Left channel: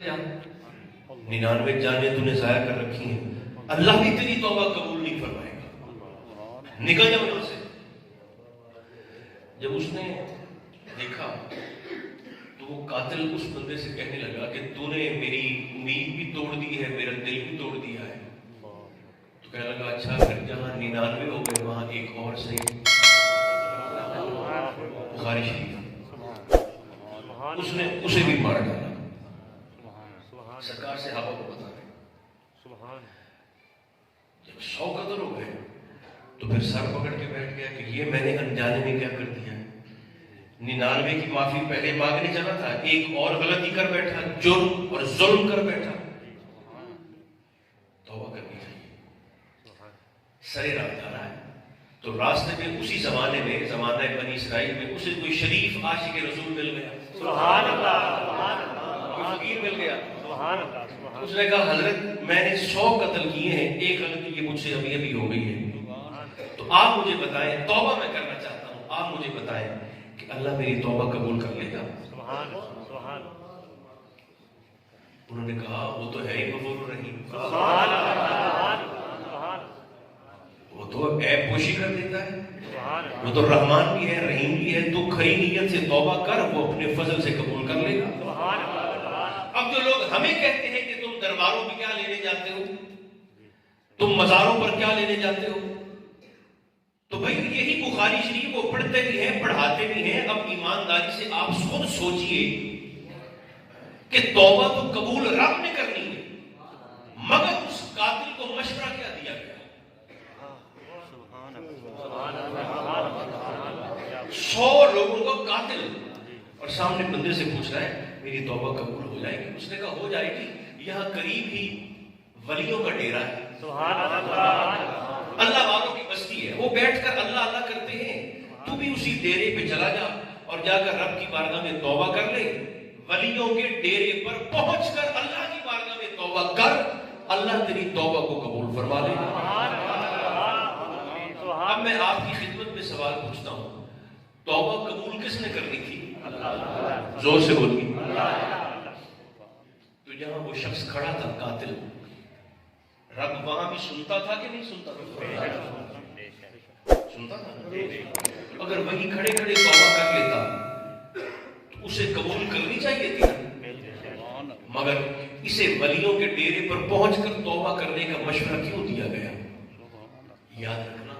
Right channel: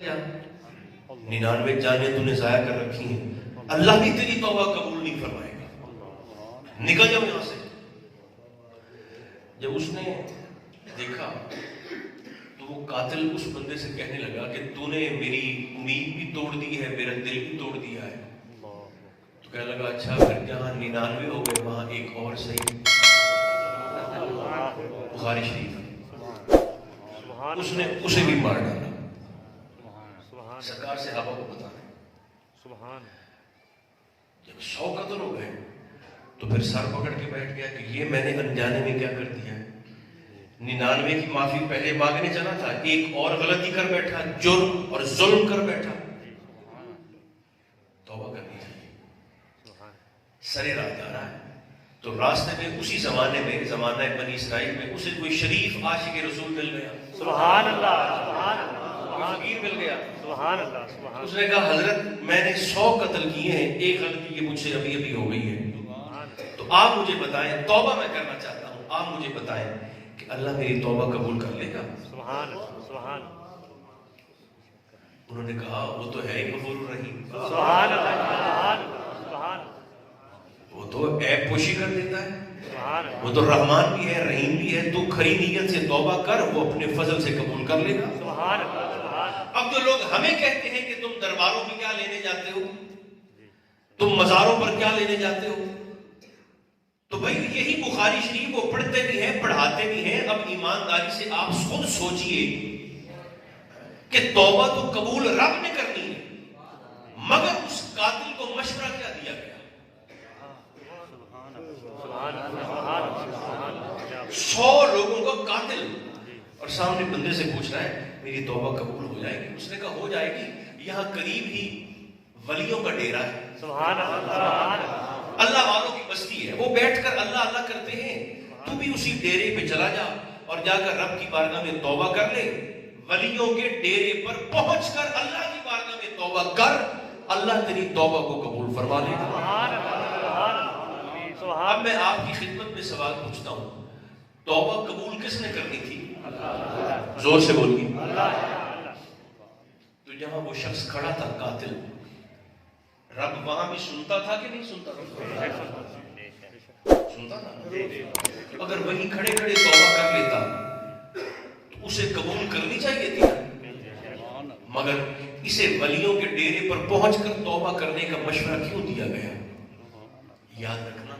99 जानें तूने ज़ाया कर रखी हैं, अल्लाह भी तेरी तौबा कबूल नहीं फरमाएगा, निकल जाओ यहां से। जब उसने देखा तो वो कातिल उस बंदे से कहने लगा कि तूने मेरी उम्मीद भी तोड़ दी है, मेरा दिल भी तोड़ दिया है। तो कहने लगा अच्छा, फिर जहां 99 हो गए वहां एक और से। बुखारी शरीफ उसने उसे भी मार डाला। सरकार से सहाबा को बताना, जब 100 कत्ल हो गए तो फिर सर पकड़ के बैठ गया कि ये मैंने अनजाने में क्या कर दिया है। 99 की माफी पहले मांगने चला था, एक और गलती कर बैठा, जुर्म और जुल्म कर बैठा। तौबा करनी चाहिए। सरे रात आ रहा है तो रास्ते में उसी जमाने में, जमाने बनी इसराइल में, उसे कोई शरीफ आशिक रसूल मिल गया, सुभान अल्लाह, कोई फकीर मिल गया, सुभान अल्लाह। उसने कहा हजरत मैंने 100 कत्ल किए हैं, एक गलती की मुझसे अभी अभी हो गई है, तो आप मुझे बताएं, तौबा मैं करना चाहता हूं, आप मुझे बताएं कि अल्लाह मेरी तौबा कबूल कर लेगा। उन्होंने कहा वो तो है गफूर रहीम, वो तो ऐब पोशी कर देता है, वो तो रहमान भी है, रहीम भी है। तू खरी नीयत से तौबा कर, वो अपने फजल से कबूल कर लेगा। अब जो लोग हमें कहते हैं कि तुम दरबारों में क्या लेने जाते हो, तुम मजारों पर क्या लेने जाते हो, तो भाई यही बुखारी शरीफ वो पढ़ते भी हैं, पढ़ाते भी हैं। अब ईमानदारी से आप खुद सोचिए कि तौबा तो कबूल रब ने करनी है, मगर उस कातिल को मशवरा क्या दिया गया। 100 लोगों का कातिल और सामने बंदे से पूछ रहा है मेरी तौबा कबूल हो जाएगी। उसने कहा हो जाएगी, यहाँ करीब ही वलियों का डेरा है, अल्लाह वालों की बस्ती है, वो बैठकर अल्लाह अल्लाह करते हैं। तू भी उसी डेरे पे चला जा और जाकर रब की बारगाह में तौबा कर ले। वलियों के डेरे पर पहुंचकर अल्लाह की बारगाह में तौबा कर, अल्लाह तेरी तौबा को कबूल फरमा लेगा। अब मैं आपकी खिदमत में सवाल पूछता हूं, तौबा कबूल किसने करनी थी? जोर से बोलिए। तो जहां वो शख्स खड़ा था कातिल, रब वहां भी सुनता था कि नहीं सुनता था? सुनता था। अगर वहीं खड़े खड़े तौबा कर लेता तो उसे कबूल करनी चाहिए थी, मगर इसे वलियों के डेरे पर पहुंचकर तौबा करने का मशवरा क्यों दिया गया? याद रखना,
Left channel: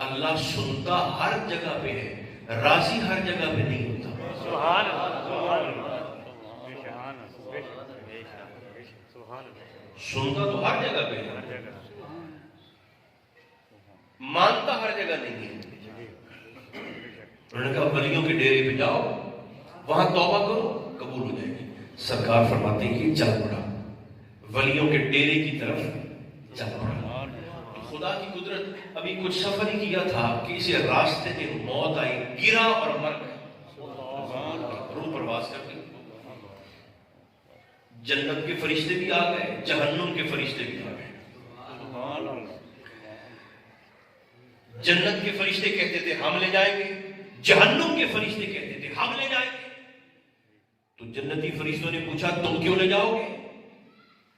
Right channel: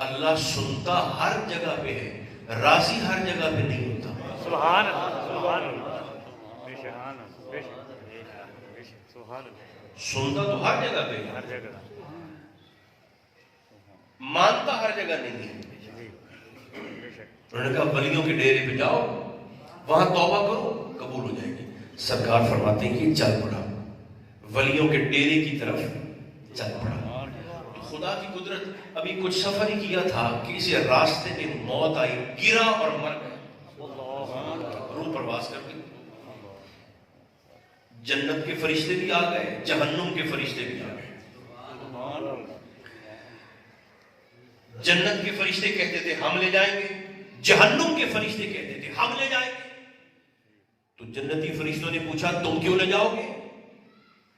अल्लाह सुनता हर जगह पे है, राजी हर जगह पे नहीं होता। सुनता तो हर जगह पे है, मानता हर जगह नहीं है। उन्होंने कहा वलियों के डेरे पे जाओ, वहां तौबा करो, कबूल हो जाएगी। सरकार फरमाते हैं कि चल पड़ा, वलियों के डेरे की तरफ चल पड़ा। तो खुदा की कुदरत, अभी कुछ सफर ही किया था कि इसे रास्ते में मौत आई, गिरा और मर गया, रूह प्रवास कर दी। जन्नत के फरिश्ते भी आ गए, जहन्नुम के फरिश्ते भी आ गए। जन्नत के फरिश्ते कहते थे हम ले जाएंगे, जहन्नुम के फरिश्ते कहते थे हम ले जाएंगे। तो जन्नती फरिश्तों ने पूछा तुम क्यों ले जाओगे?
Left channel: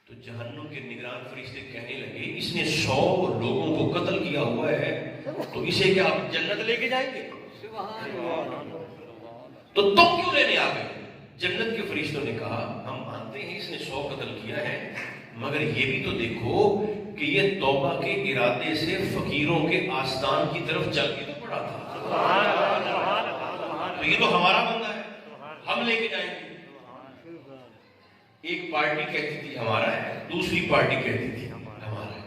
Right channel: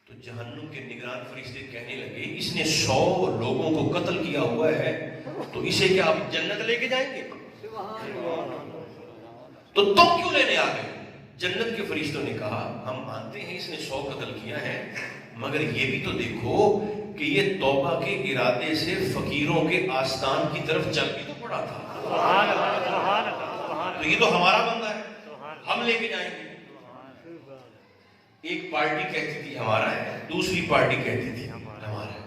तो जहन्नुम के निगरान फरिश्ते कहने लगे इसने 100 लोगों को कत्ल किया हुआ है, तो इसे क्या आप जन्नत लेके जाएंगे? तो तुम क्यों लेने आ गए? जन्नत के फरिश्तों ने कहा हम मानते हैं इसने 100 कत्ल किया है, मगर ये भी तो देखो कि ये तौबा के इरादे से फकीरों के आस्थान की तरफ चल के तो पड़ा था, तो ये तो हमारा बंदा है, हम लेके जाएंगे। एक पार्टी कहती थी हमारा है, दूसरी पार्टी कहती थी हमारा है।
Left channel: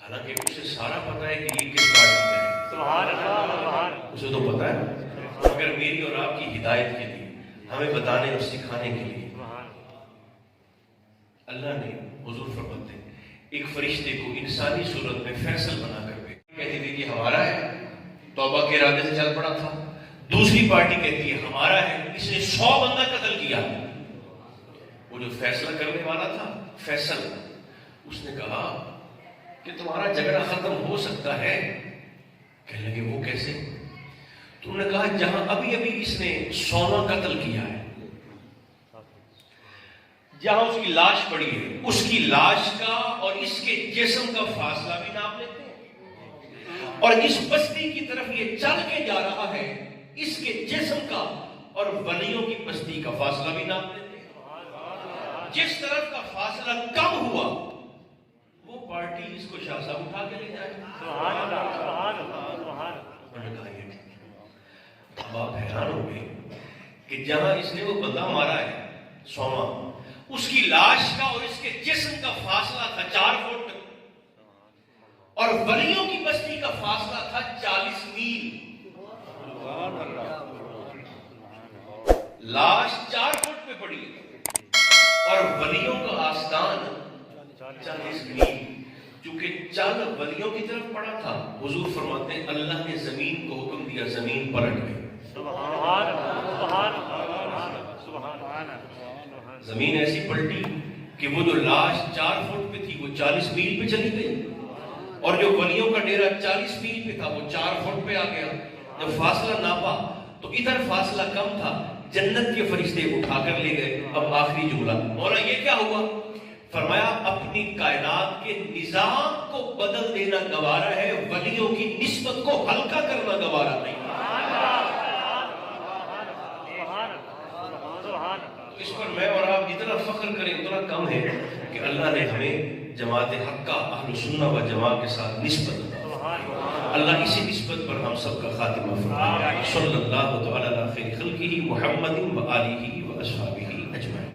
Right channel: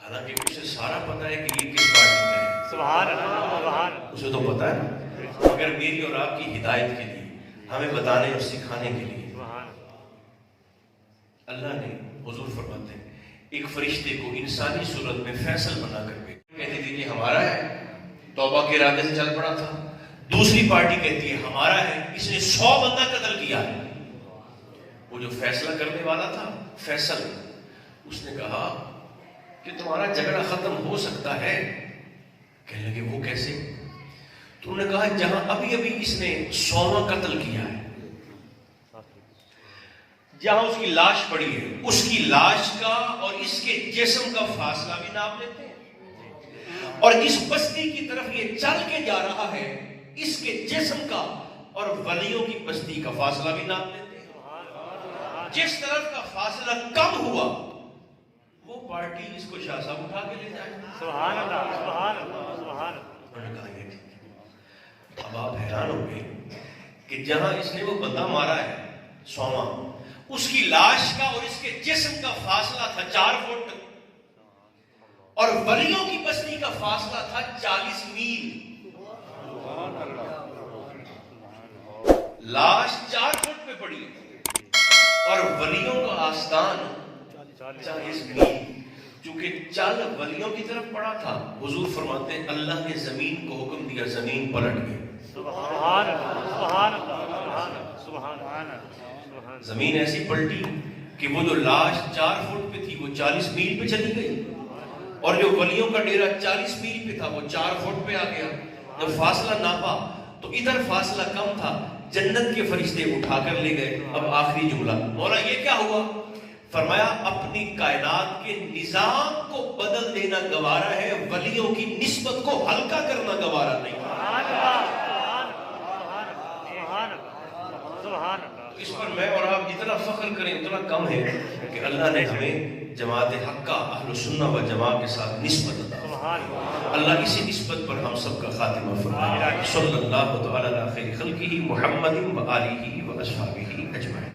हालांकि उसे सारा पता है कि ये किस पार्टी का है, उसे तो पता है, मगर मेरी और आपकी हिदायत के लिए, हमें बताने और सिखाने के लिए अल्लाह ने हुजूर फरमाते हैं एक फरिश्ते को इंसानी सूरत में फैसल बना करके कहती थी कि हमारा है, तौबा के इरादे से चल पड़ा था। दूसरी पार्टी कहती है हमारा है, इसने 100 बंदा कत्ल किया। वो जो फैसला करने वाला था फैसल, उसने कहा कि तुम्हारा झगड़ा खत्म हो सकता है। कहने लगे वो कैसे? तो उन्होंने कहा, जहां अभी अभी इसने 100वां कत्ल किया है, جہاں اس کی لاش پڑی ہے اس کی لاش کا اور اس کے جسم کا فاصلہ بھی ناپ لیتے ہیں، اور جس بستی کی طرف یہ چل کے جا رہا ہے اس کے جسم کا اور ولیوں کی بستی کا فاصلہ بھی ناپ لیتے ہیں۔ جس طرف کا فاصلہ کم ہوا وہ پارٹی اس کو شاہ صاحب اٹھا کے لیتا ہے۔ سبحان اللہ، سبحان اللہ، سبحان اللہ۔ اب آپ حیران ہو گئے کہ جہاں اس نے وہ بندہ مارا ہے سوما، اس کی لاش کا اور اس کے جسم کا فاصلہ تھا 4 فٹ، اور ولیوں کی بستی کا فاصلہ تھا 40 میل۔ لاش 4 فٹ پہ پڑی اور ولیوں کا آستان 40 میل۔ چونکہ چل ولیوں کی طرف پڑا تھا، حضور فرماتے ہیں اللہ نے زمین کو حکم دیا زمین پلٹ گئی۔ زمین ایسی پلٹی کہ وہ جو لاش 4 فٹ پہ تھی وہ 40 میل پہ چلی گئی، اور جو ولیوں کا ڈیرا 40 میل پہ تھا وہ 4 فٹ پہ آ گیا۔ جب فاصلہ ناپا تو ادھر فاصلہ کم تھا، جنت کے فرشتے اٹھا کر لے گئے۔ اب آخری جملہ مولا یہ کیا ہوا؟ فرمایا اپنی کائنات کے نظام کو بدل دینا گوارا ہے، ولیوں کی نسبت کو ہلکا کرنا گوارا نہیں۔ اس پر میں اور آپ جتنا فخر کریں اتنا کم ہے کہ اللہ نے ہمیں جماعت حق کا اہل سنہ و جماعت کے ساتھ نسبت عطا فرمائی۔ اللہ اسی نسبت پر ہم سب کا خاتمہ فرمائے۔ صلی اللہ تعالی علی خیر خلقہ محمد و آلہ و اصحابہ اجمعین۔